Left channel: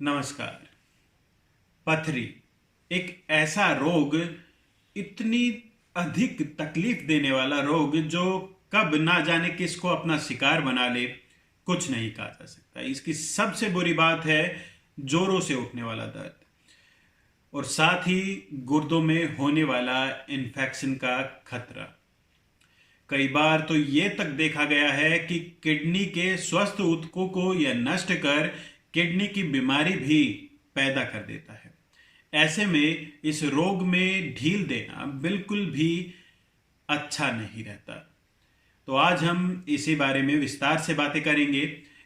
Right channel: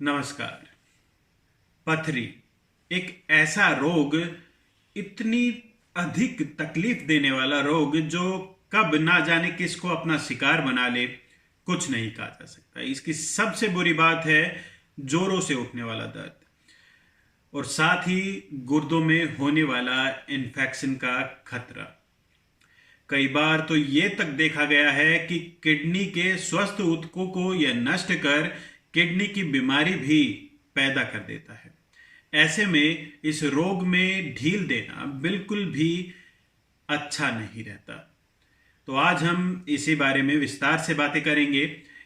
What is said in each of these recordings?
नमस्कार। पथरी एक ऐसा रोग, इतनी अधिक तकलीफ देने वाला रोग जो कब ना जाने किसको अपना शिकार बना ले, कुछ नहीं कहा जा सकता। इसकी सबसे बुरी बात है जोरों से उठने वाला दर्द और साथ ही गुर्दों में होने वाला इन्फेक्शन का खतरा। कई बार तो ये तक देखा गया है कि किडनी के स्वस्थ ऊतकों को यह नष्ट कर किडनी की बीमारी भी पैदा कर देता है। ऐसे में इस रोग में ढील देना बिल्कुल भी अच्छा नहीं रहता। तो आज हम इसी बारे में विस्तार से बातें करेंगे।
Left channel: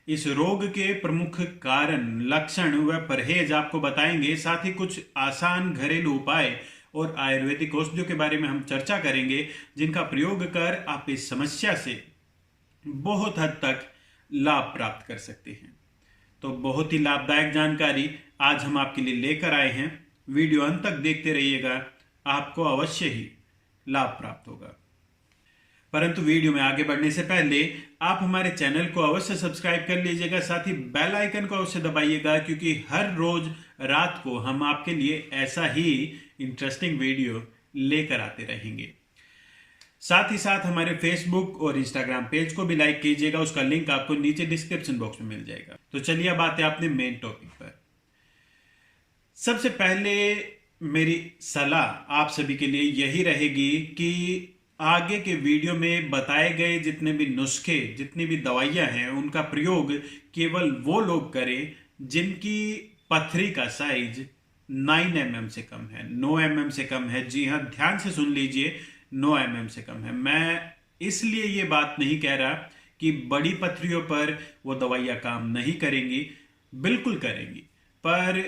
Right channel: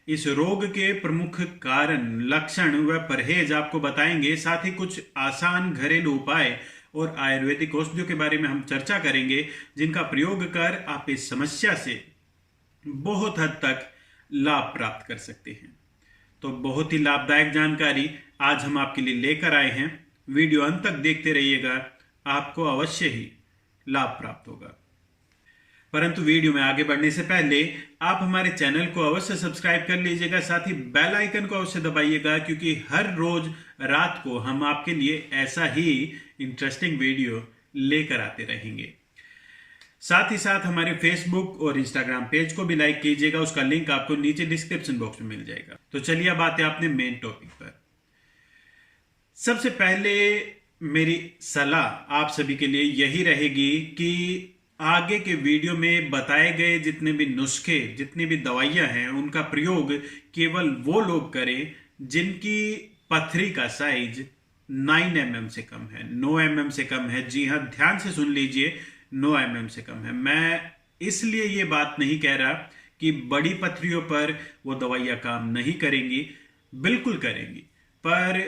इस रोग के प्रमुख कारण, लक्षण व परहेज आपको बताएंगे। साथ ही कुछ आसान घरेलू उपाय और आयुर्वेदिक औषधियों के बारे में हम चर्चा करेंगे, जिनका प्रयोग कर आप इस समस्या से बहुत हद तक लाभ प्राप्त कर सकते हैं। तो बहुत ही लाभदायक जानकारी आज हम आपके लिए लेकर आए हैं। वीडियो अंत तक देखते रहिएगा, आपको अवश्य ही लाभ प्राप्त होगा। परंतु वीडियो में आगे बढ़ने से पहले आप हमारे चैनल को अवश्य सब्सक्राइब कर लीजिएगा। साथ ही बेल आइकन को अवश्य दबाइएगा, क्योंकि हर रोज रात को हम आपके लिए ऐसा ही इंटरेस्टिंग वीडियो लेकर आते रहेंगे। साथ ही साथ हमारे फेसबुक और इंस्टाग्राम पेज को भी लाइक कीजिएगा। उसका लिंक आपको नीचे डिस्क्रिप्शन बॉक्स में मिल जाएगा। तो चलिए अब आते हैं अपने मेन टॉपिक पर। सबसे पहले मेरी सलाह आप सभी के लिए यही रहेगी कि आगे के वीडियो में बताए गए जितने भी नुस्खे, जितनी भी दवाइयां हैं, उनका प्रयोग केवल वो लोग करें जिनकी पथरी का साइज 9 mm से कम है, 9 mm से कम है। जी हाँ, ध्यान से सुन लीजिए, 9 mm से कम है। मैं इसलिए ये बात नहीं कह रहा कि बड़ी पथरियों पर वो दवाइयां काम नहीं करेंगी, बिल्कुल करेंगी। पर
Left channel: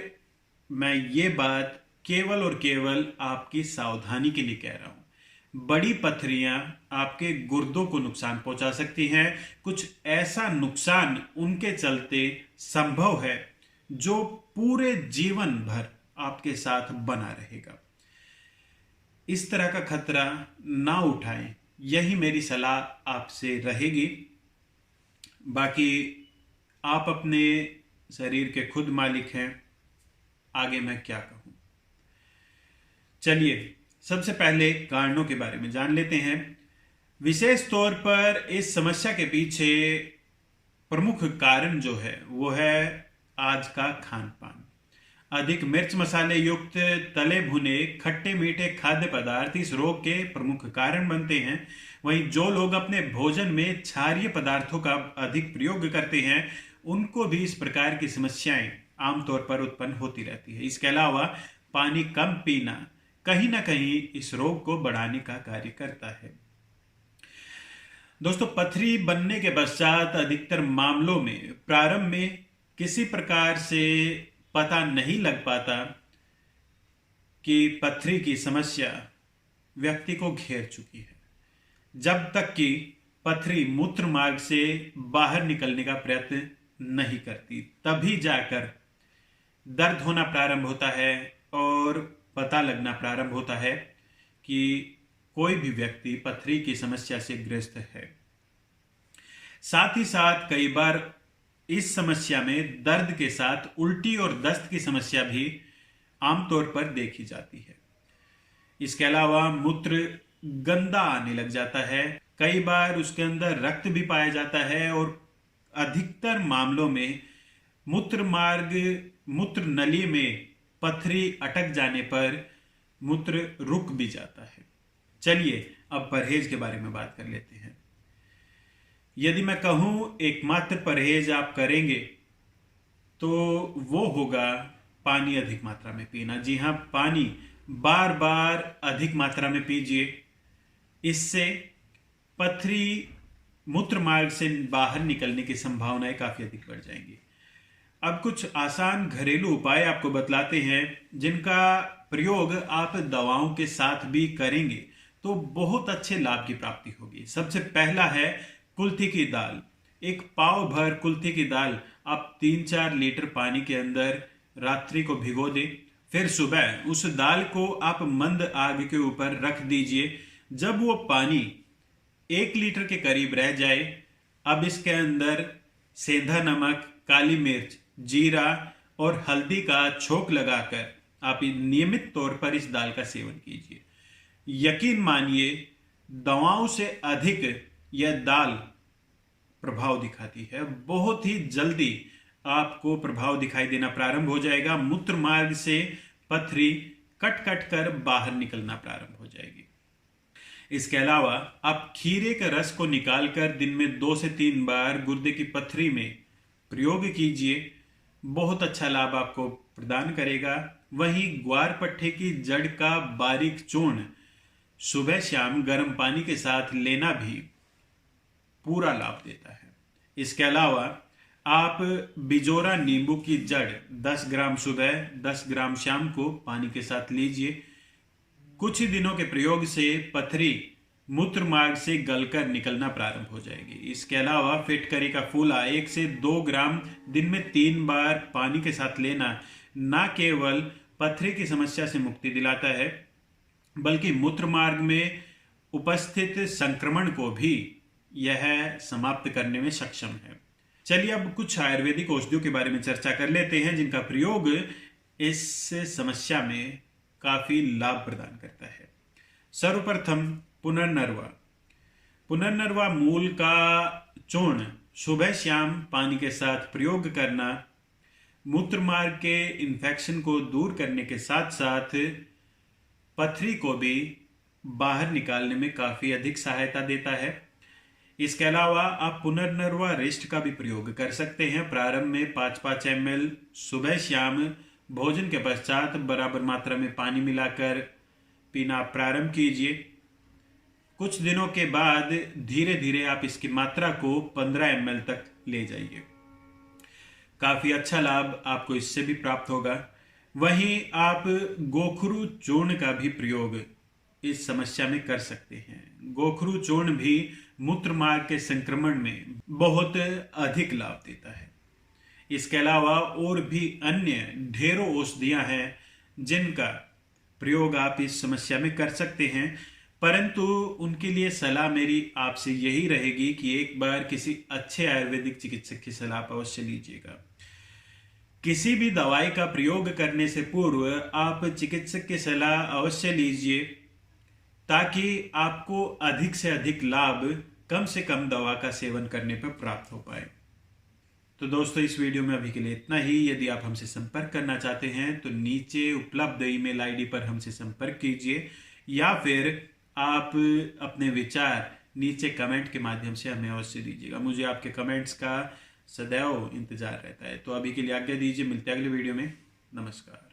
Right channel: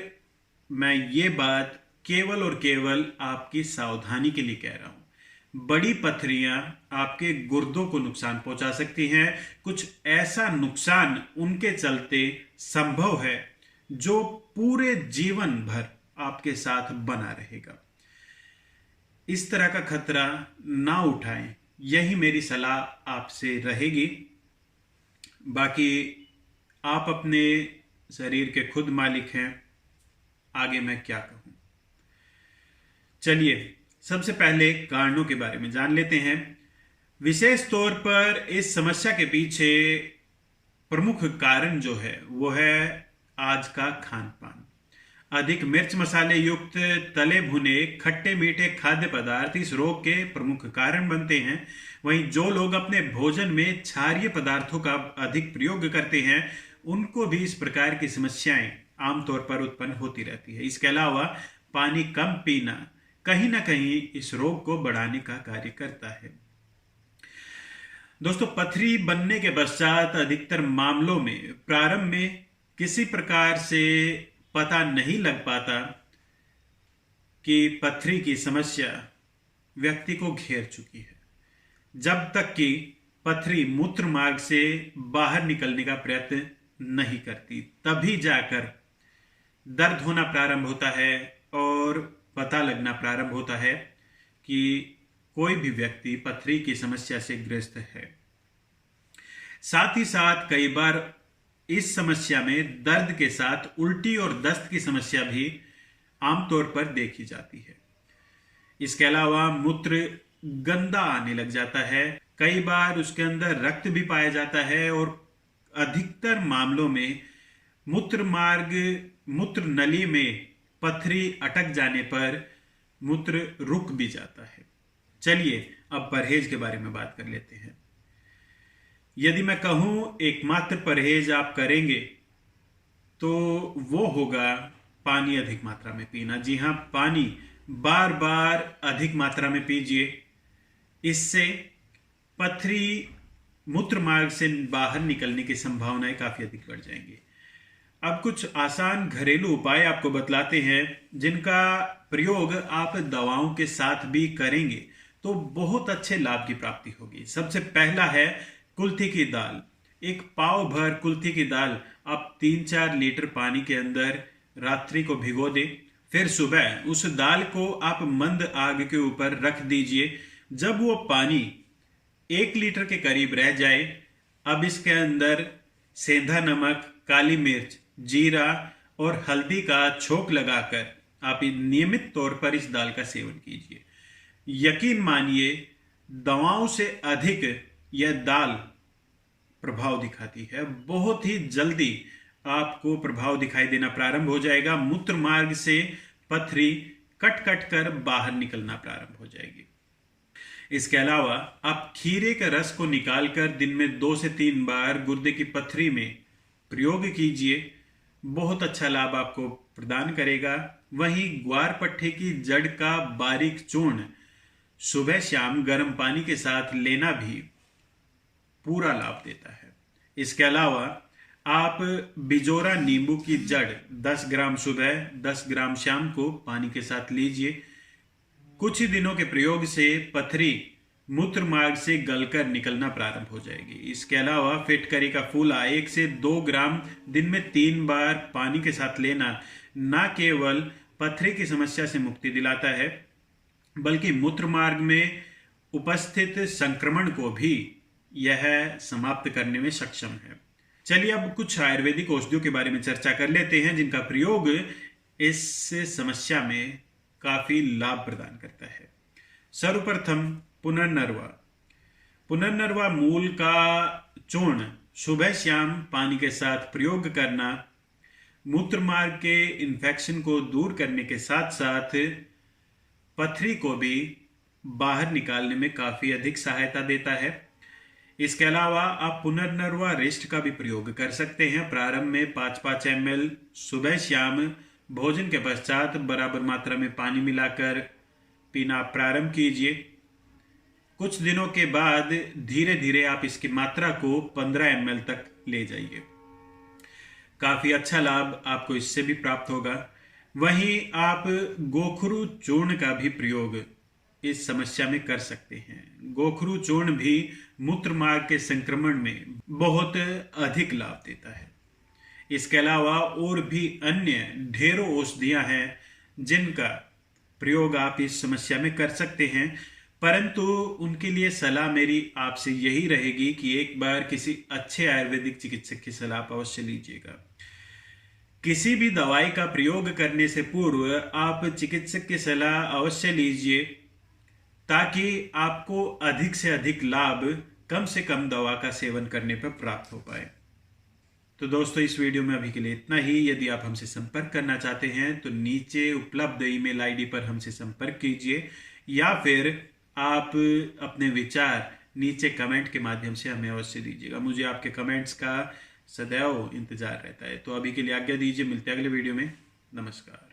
मैं ये बात केवल और केवल आपकी सावधानी के लिए कह रहा हूं। बड़ी पथरियां आपके गुर्दों को नुकसान पहुंचा सकती हैं। कुछ ऐसा नुकसान उनके चलते संभव है जो पूरे जीवन भर आपके साथ बना रहेगा। इस तरह का खतरा ना उठाएं, यही मेरी सलाह आपसे रहेगी। बाकी आप अपने शरीर के खुद मालिक हैं, आगे मैं क्या कहूं। चलिए सबसे पहले कारणों के बारे में जान लेते हैं। विशेष तौर पर इस समस्या के पीछे प्रमुख कारण जो है वो है आज का खान पान। अधिक मिर्च मसाले युक्त तले भुने खट्टे मीठे खाद्य पदार्थ इस रोग के प्रमुख कारण बनते हैं। वहीं जो लोग अपने भोजन में क्षारीय पदार्थों का अधिक प्रयोग करते हैं, उनको भी इस प्रकार की समस्याएं आमतौर पर उत्पन्न होती रहती है। इसके अलावा पानी कम पीना कहीं ना कहीं इस रोग को बढ़ाने का कार्य करता है। दोस्तों, पथरी बनने के पश्चात अधिकतर मामलों में प्रारंभ में किसी प्रकार से पता नहीं लग पाता कि पथरी की समस्या व्यक्ति को घेर चुकी है। जब तक कि पथरी मूत्र मार्ग से बाहर निकलने का प्रयत्न नहीं करती, तभी जाकर दर्द होना प्रारंभ होता है और पता लगना प्रारंभ होता है कि कोई भी व्यक्ति पथरी की समस्या से ग्रस्त है। साथ ही साथ कई बार इस समस्या में दर्द के साथ उल्टी और दस्त की समस्या भी आमतौर पर देखी जाती है। इसके अलावा मूत्र गंदा आने लग जाता है। कई बार उसके अंदर रक्त भी पाया जाता है और अधिकतर मामलों में मूत्र नली में पथरी अटक जाने पर मूत्र रुक भी जाता है। चलिए अब परहेज के बारे में बात कर लेते हैं। यदि मैं कहूं एकमात्र परहेज आप करेंगे तो वो होगा पानी अधिक मात्रा में पीना। जी हां, पानी बार बार अधिक मात्रा में पीजिए। इससे पथरी मूत्र मार्ग से बाहर निकलने की संभावनाएं काफी अधिक बढ़ जाएंगी। अब कुछ आसान घरेलू उपाय आपको बतलाते हैं, जिनका प्रयोग आप दवाओं के साथ भी करेंगे तो बहुत अच्छे लाभ की प्राप्ति होगी। सबसे पहला है कुल्थी की दाल। एक पाव भर कुल्थी की दाल आप 3-4 लीटर पानी के अंदर रात्रि को भिगो दें। फिर सुबह उस दाल को आप मंद आग के ऊपर रख दीजिए। जब वो पानी 1 लीटर के करीब रह जाए, अब इसके अंदर सेंधा नमक, काली मिर्च, जीरा और हल्दी का छोंक लगाकर आप नियमित तौर पर इस दाल का सेवन कीजिए। यकीन मानिए, दवाओं से अधिक यह दाल प्रभाव दिखाती है। बहुत ही जल्दी आपको प्रभाव दिखाई देना प्रारंभ हो जाएगा। मूत्र मार्ग से पथरी कट कट कर बाहर निकलना प्रारंभ हो जाएगी। इसके अलावा आप खीरे के रस को निकालकर दिन में 2 से 3 बार गुर्दे की पथरी में प्रयोग कीजिए। बहुत अच्छा लाभ आपको प्रदान करेगा। वहीं ग्वारपट्टे की जड़ का बारीक चूर्ण सुबह शाम गर्म पानी के साथ लेना भी पूरा लाभ देता है। इसके अलावा आप बिजोरा नींबू की जड़ 10 ग्राम सुबह 10 ग्राम शाम को पानी के साथ लीजिए। कुछ ही दिनों के प्रयोग से पथरी मूत्र मार्ग से गलकर निकलना प्रारंभ हो जाएगी। इसके अलावा फिटकरी का फूला 1 से 2 ग्राम दिन में 3 बार पानी के साथ लेना न केवल पथरी की समस्या से मुक्ति दिलाता है, बल्कि मूत्र मार्ग में उपस्थित संक्रमण को भी यह समाप्त करने में सक्षम है। चलिए अब कुछ आयुर्वेदिक औषधियों के बारे में चर्चा कर लेते हैं जिनका प्रयोग इस समस्या में काफी लाभ प्रदान करता है। सर्वप्रथम पुनर्नरवा। पुनर्नरवा मूल का चूर्ण सुबह शाम पानी के साथ प्रयोग करना मूत्र मार्ग के इन्फेक्शन को दूर करने के साथ साथ पथरी को भी बाहर निकालने में काफी अधिक सहायता देता है। इसके अलावा आप पुनर्नरवा रिष्ट का भी प्रयोग कर सकते हैं। प्रारंभ में 5-5 ml सुबह शाम भोजन के पश्चात बराबर मात्रा में पानी मिलाकर पीना प्रारंभ कीजिए। कुछ दिनों के बाद धीरे धीरे आप इसकी मात्रा को 15 ml तक ले जाइए। काफी अच्छा लाभ आपको इससे भी प्राप्त होगा। वहीं आप गोखरू चूर्ण का भी प्रयोग इस समस्या में कर सकते हैं। गोखरू चूर्ण भी मूत्र मार्ग के संक्रमण में बहुत अधिक लाभ देता है। इसके अलावा और भी अन्य ढेरों औषधियां हैं जिनका प्रयोग आप इस समस्या में कर सकते हैं, परंतु उनके लिए सलाह मेरी आपसे यही रहेगी कि एक बार किसी अच्छे आयुर्वेदिक चिकित्सक की सलाह आप अवश्य लीजिएगा। किसी भी दवाई का प्रयोग करने से पूर्व आप चिकित्सक की सलाह अवश्य लीजिए ताकि आपको अधिक से अधिक लाभ कम से कम दवा का सेवन करने पर प्राप्त हो पाए। तो दोस्तों, इस वीडियो में अभी के लिए इतना ही। यदि आप हमसे संपर्क करना चाहते हैं तो नीचे उपलब्ध ईमेल आईडी पर हमसे संपर्क कीजिए या फिर आप अपने विचार नीचे कमेंट के माध्यम से हमें अवश्य दीजिएगा। मुझे आपके कमेंट्स का सदैव इंतजार रहता है। तो अभी के लिए आज्ञा दीजिए, मिलते हैं अगले वीडियो में। नमस्कार।